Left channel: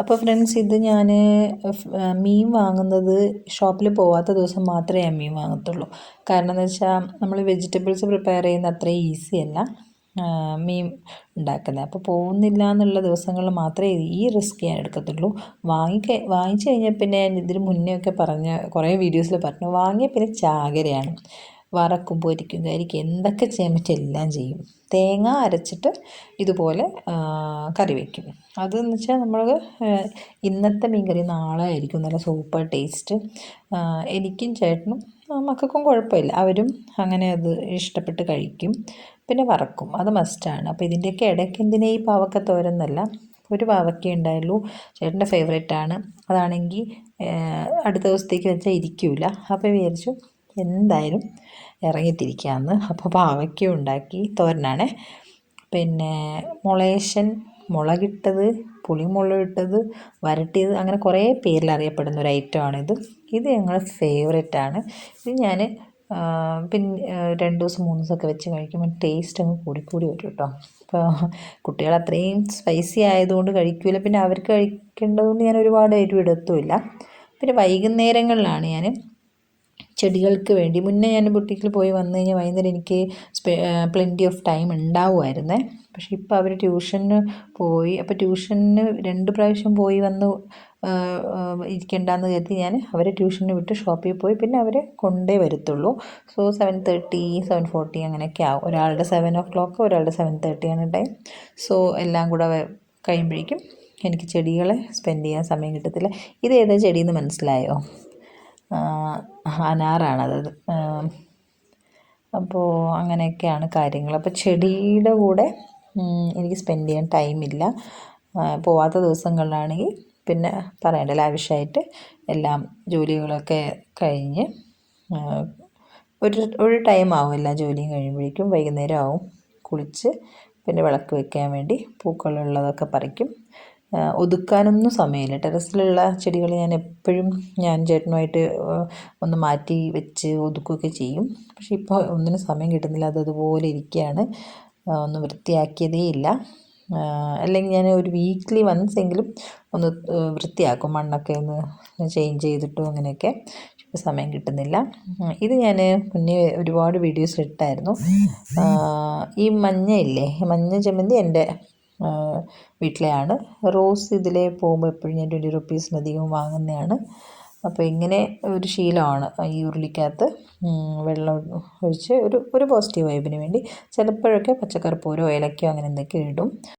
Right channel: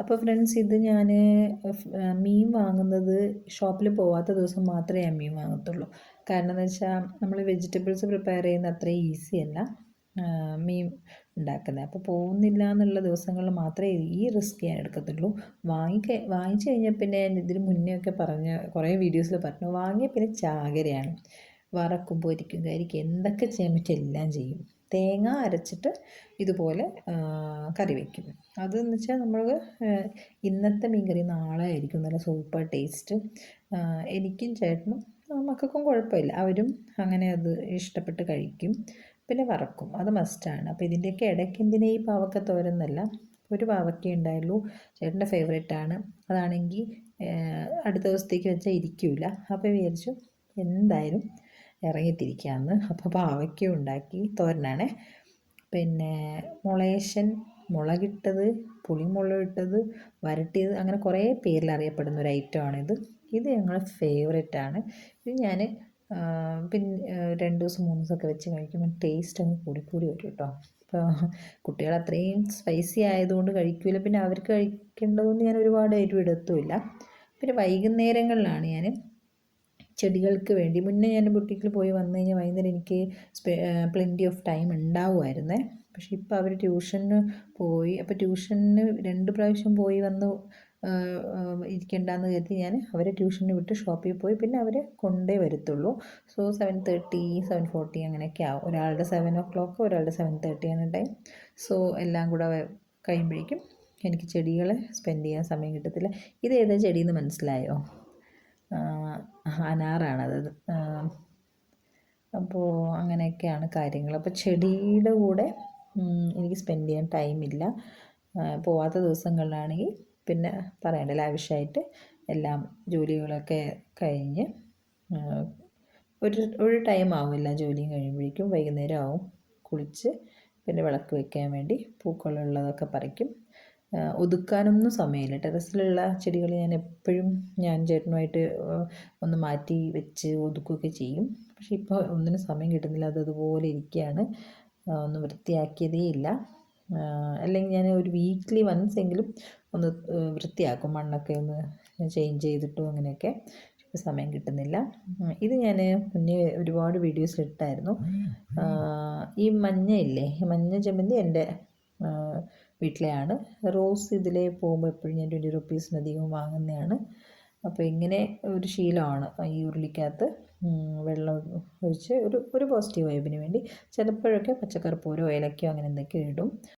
അപ്പോൾ ഫ്രണ്ട്സ്, ഇത് ഞാൻ മീൻ വാങ്ങുന്നത് ഷോപ്പിൽ പോവാത്ത ദിവസം മാത്രമേ ഞാൻ മീൻ വാങ്ങത്തുള്ളൂ. കാരണം എന്ന് വെച്ചാൽ നമ്മൾ വെജിറ്റബിൾസ് പ്രിപ്പയർ ചെയ്യുന്ന അത്രയും ഈസി അല്ല മീൻ ഉണ്ടാക്കുന്നത്. അപ്പോൾ പോകുന്നില്ല എന്നുള്ള ദിവസങ്ങളിൽ മാത്രമേ ഈ റിസ്ക് ഞാൻ എടുക്കത്തുള്ളൂ. വാങ്ങിച്ചു കഴിഞ്ഞാൽ പിന്നെ ഞാൻ ഇതിന് മുന്നേ ഒക്കെ പറഞ്ഞ കുറേ വീഡിയോസിൽ പറഞ്ഞു, വാങ്ങിയ പിന്നെ ചാകരയാണ്. വറക്കും, പൊരിക്കും, കരിക്കും, എന്തൊക്കെ ചെയ്യാൻ പറ്റും എല്ലാം ചെയ്യും. തേങ്ങ അരച്ചിട്ട് ഇതുപോലെ കറി വയ്ക്കും. അതെന്ന് വെച്ചാൽ നമ്മൾ ഇന്നത്തെ മീൻ കറി നാളെ ആയിരിക്കും നല്ല സൂപ്പർ ടേസ്റ്റ്. എനിക്കും ചേട്ടനും മക്കൾക്കും കുഴപ്പമില്ല, അവരും അങ്ങനെ അത് ഇഷ്ടപ്പെട്ട് കഴിക്കും. പിന്നെ വറക്കും, അത് മസ്റ്റാണ്. അപ്പോൾ ഇതിൻ്റെയൊക്കെ ഇടയ്ക്ക് എന്തിനാ ഈ പാവക്ക തോരൻ എന്നല്ല, ഒരു പാവയ്ക്കേ ഉണ്ടായുള്ളൂ. ചേട്ടൻ്റെ ഫേവറേറ്റാണ്. അതാണെങ്കിൽ അടുത്ത ദിവസത്തേക്ക് വെച്ചാൽ ഇരിക്കില്ല. അപ്പോൾ വിചാരിച്ചു എന്തായാലും ഇറങ്ങിത്തിരിക്കാമെന്ന്. അപ്പോൾ പാവയ്ക്ക ഉണ്ടാക്കി, തോരനാണേ. പിന്നെ മുളേശൻ, മുളകിട്ടത്, പുളിമുളകിട്ടത്, വരട്ടിയത്, അങ്ങനെ കുറേ പേരിൽ അറിയപ്പെടുന്ന ഒരു ഐറ്റമാണിത്. ഇത് ഞങ്ങളുടെ ഫേവറേറ്റാണ്. ഇത് ഞാൻ പിന്നെ 2 ദിവസം 3 ദിവസമൊക്കെ വെച്ച് കഴിക്കുമ്പോൾ ടേസ്റ്റ് അങ്ങ് കൂടിക്കൂടി വരും കേട്ടോ. അപ്പോൾ കുട്ടികൾ അത്രയും സ്പൈസി ആയതുകൊണ്ട് കഴിക്കില്ല, പിന്നെ അവർക്ക് കഴിക്കേണ്ടതുകൊണ്ട് ഞാൻ ഒരുപാട് എരിവ് ഇടത്തുമില്ല. പിന്നെ വൈകുന്നേരങ്ങളിലാണ് ഞാൻ ചെടികൾക്ക് വേണ്ടി, മുന്നേ ഞാൻ ബുട്ടീക്കിൽ പോയി വന്നു കഴിഞ്ഞാൽ വൈകുന്നേരം എനിക്ക് പ്ലെൻറ്റി ഓഫ് ടൈം ഉണ്ടാവുമായിരുന്നേ. പക്ഷേ ഇപ്പോൾ അവർ ട്യൂഷന് പോയി. അപ്പോൾ ട്യൂഷന് 2 പ്രാവശ്യം പോയി വന്ന് ഇരിക്കേണ്ടെന്ന് കരുതി ഞാൻ അവരെ ട്യൂഷന് വിട്ട് ഷോപ്പിൽ പോയി. പിന്നെ അവരെ കൊണ്ടേ വരത്തുള്ളൂ. സോ 7:30 7:40 അങ്ങനെയൊക്കെ ആവും. ഒരാളുടെ 7 o'clock, ഒരാളുടെ 7:30 ആണ് ടൈം. സോ എല്ലാം കൂടെ കഴിയുമ്പോഴേക്കും എനിക്ക് ചെടികളെ സ്പെൻഡ് ചെയ്യാൻ സമയം കിട്ടത്തില്ല. ഇത് ഏതാ ചെടിയെന്ന് മനസ്സിലായോ? അനാറാണത്. അപ്പോൾ അങ്ങനെയൊക്കെയാണ് കാര്യങ്ങൾ. അപ്പോൾ ചെടിയുടെ കൂടെ എനിക്ക് സ്പെൻഡ് ചെയ്യാൻ ടൈമില്ല. പോവാത്ത ദിവസങ്ങളിലാണെങ്കിൽ പിന്നെ പറയണ്ട, ലാവിഷായിട്ട് എല്ലാം ജോലികളൊക്കെ കഴിഞ്ഞ് ഒരു ടൈം ആവും എല്ലാ ജോലിയും കഴിയുമ്പോഴേക്കും. വൈകുന്നേരം ആവും. കുളിച്ച് പിന്നെ വിളക്ക് വയ്ക്കാൻ വേണ്ടി പൂക്കളുള്ളതൊക്കെ പറിക്കും. ഒതുക്കാനൊന്നും സമയമില്ല. ടെറസിലുള്ള ചെടികൾ ഞാൻ ചേട്ടനുമായിട്ട് ഒന്ന് മാറ്റി വെച്ച് ഒതുക്കുകയൊക്കെ ചെയ്യും. പക്ഷേ ഇപ്പോൾ ഒന്നിനും സമയം കിട്ടുന്നില്ല, അതുപോലെ ഇരിക്കുകയാണ്. ഒന്നും വൃത്തിയാക്കിയതേ ഇല്ല. അല്ലെങ്കിൽ ഞാൻ ഒരു വീക്ക്ലി വൺസ് എങ്കിലും ഒന്ന് വൃത്തിയാക്കും, മണ്ണൊക്കെ ഒന്ന് ചേഞ്ച് ചെയ്തിട്ടും അങ്ങനെയൊക്കെ. ഇപ്പോൾ സമയം കിട്ടുന്നില്ല. ഇത് ഞാൻ മുന്നേ ഒരുപാട് വീഡിയോസ് ഇട്ടായിരുന്നു. ഈ മഞ്ഞ ഇല്ലേ, മഞ്ഞ ജമന്തി എൻ്റെ വീട്ടിലെയാണ്. റോസ് ഇതിലെ പോകുമ്പോൾ എപ്പോഴും ഞാൻ 20 rupees വാങ്ങുന്നതാണ്. അപ്പോൾ ഇങ്ങനെ ഒരു ശീലമാണ്. ഈ ഉരുളിക്കകത്ത് വെള്ളം ഒഴിച്ച് ഒരു പോസിറ്റീവ് വൈബിന് വേണ്ടി ചിലപ്പോഴൊക്കെ പച്ചക്കറിപ്പൂരോ ഏലക്കയോ അങ്ങനെ എന്തൊക്കെ ഇടും.